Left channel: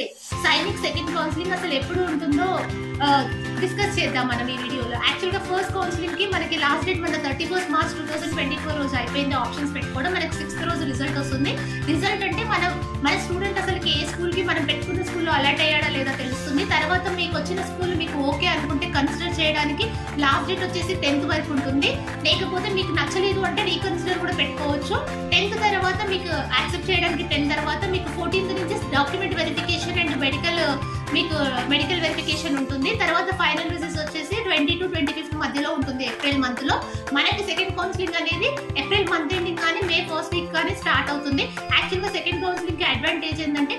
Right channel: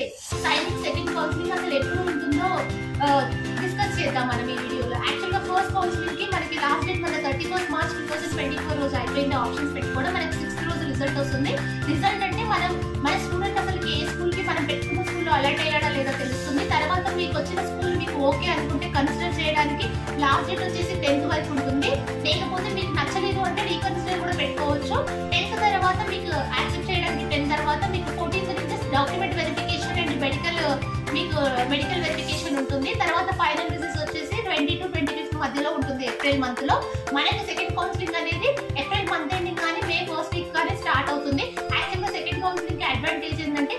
నమస్తే. Sainik second counselling అసలు ఎప్పుడు ఉంటుందో డిస్కస్ చేద్దాం మనం ఈ వీడియోలో. యాక్చువల్గా ఫస్ట్ కౌన్సిలింగ్కి మనకి లాస్ట్ డేట్ మన 31 మార్చ్ 2024 రోజు అయిపోయింది. ఆప్షన్స్ పెట్టుకోవడం మనకి 6th రోజు రిజల్ట్ వస్తుంది. రిజల్ట్ అంటే మన స్టూడెంట్ అసలు ఏ స్కూల్కి మనం పెట్టుకున్న స్కూల్లో అలర్ట్ అయ్యాడా లేదా తెలుస్తుంది. తర్వాత మీకు వచ్చిన స్కూల్ మీకు ఓకే అనుకుంటే కన్సిడర్ చేయడానికి లాస్ట్ డేట్ వచ్చేసి 10th వరకు ఉంటుంది. లేకపోతే మీకు నచ్చలేదు అంటే రీకన్సిడర్ కూడా పెట్టుకోవచ్చు. 10th తర్వాత మీకు యాక్సెప్ట్ చేయడానికి 10 తర్వాత మీకు 14th నుంచి document verification and medical verification ఉంటుంది. తర్వాత ఫైనల్ రిజల్ట్స్ వచ్చేసి 20 to 25 మధ్యలో ఉంటుంది ఏప్రిల్ మంత్ లో. మనకి సెకండ్ కౌన్సిలింగ్ అనేది ఏప్రిల్ మంత్ ఎండింగ్ కానీ మే 1st వీక్ కానీ స్టార్ట్ అవుతుంది. యాక్చువల్గా సెకండ్ కౌన్సిలింగ్ కి అడ్వాంటేజ్ ఏంటంటే